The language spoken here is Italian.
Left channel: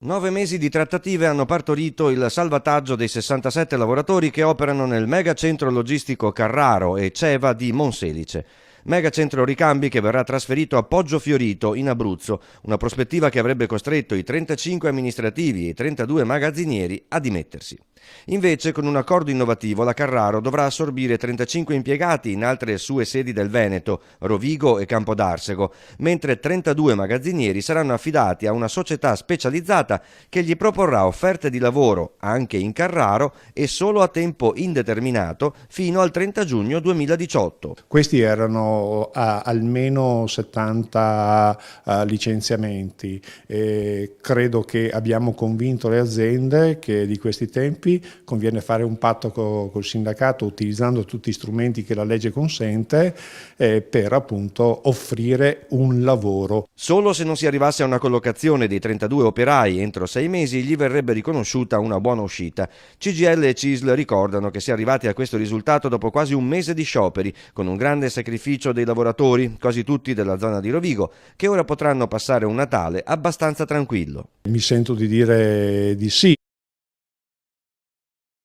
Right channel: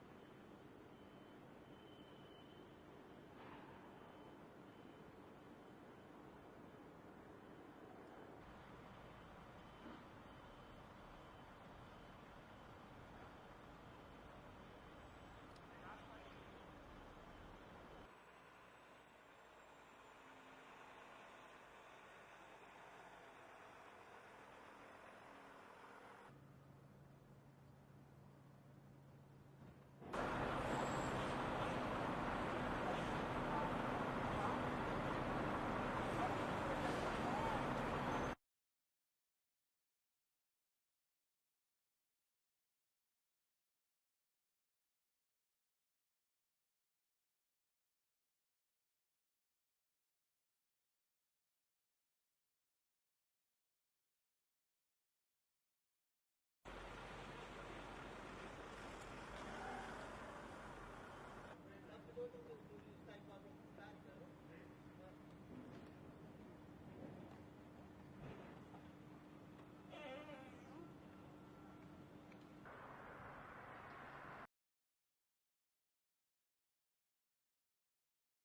9 mesi di trattative hanno partorito il salvataggio dei 67 lavoratori che operano nel megacentro logistico Carraro e Ceva di Monselice. Megacentro ricambi che verrà trasferito a Poggio Fiorito in Abruzzo, una prospettiva che avrebbe costretto i 35 amministrativi e i 32 magazzinieri a dimettersi. Invece, con un accordo innovativo, la Carraro dovrà assorbire 35 impiegati in altre sue sedi del Veneto, Rovigo e Campodarsego, mentre 32 magazzinieri saranno affidati a una società specializzata che gli proporrà offerte di lavoro anche in Carraro e solo a tempo indeterminato fino al 30 giugno 2018. Questi erano almeno 70 licenziamenti e credo che abbiamo convinto le aziende che di questi tempi conviene fare un patto col sindacato utilizzando tutti gli strumenti che la legge consente per appunto offrire un lavoro. Solo se non si arrivasse a una collocazione dei 32 operai entro 6 mesi gli verrebbe riconosciuta una buona uscita. CGIL e CISL ricordano che si è arrivati a questo risultato dopo quasi un mese di scioperi, con un grande sacrificio dei lavoratori, quasi tutti della zona di Rovigo, che ora potranno passare un Natale abbastanza tranquillo. Mi sento di dire di sì.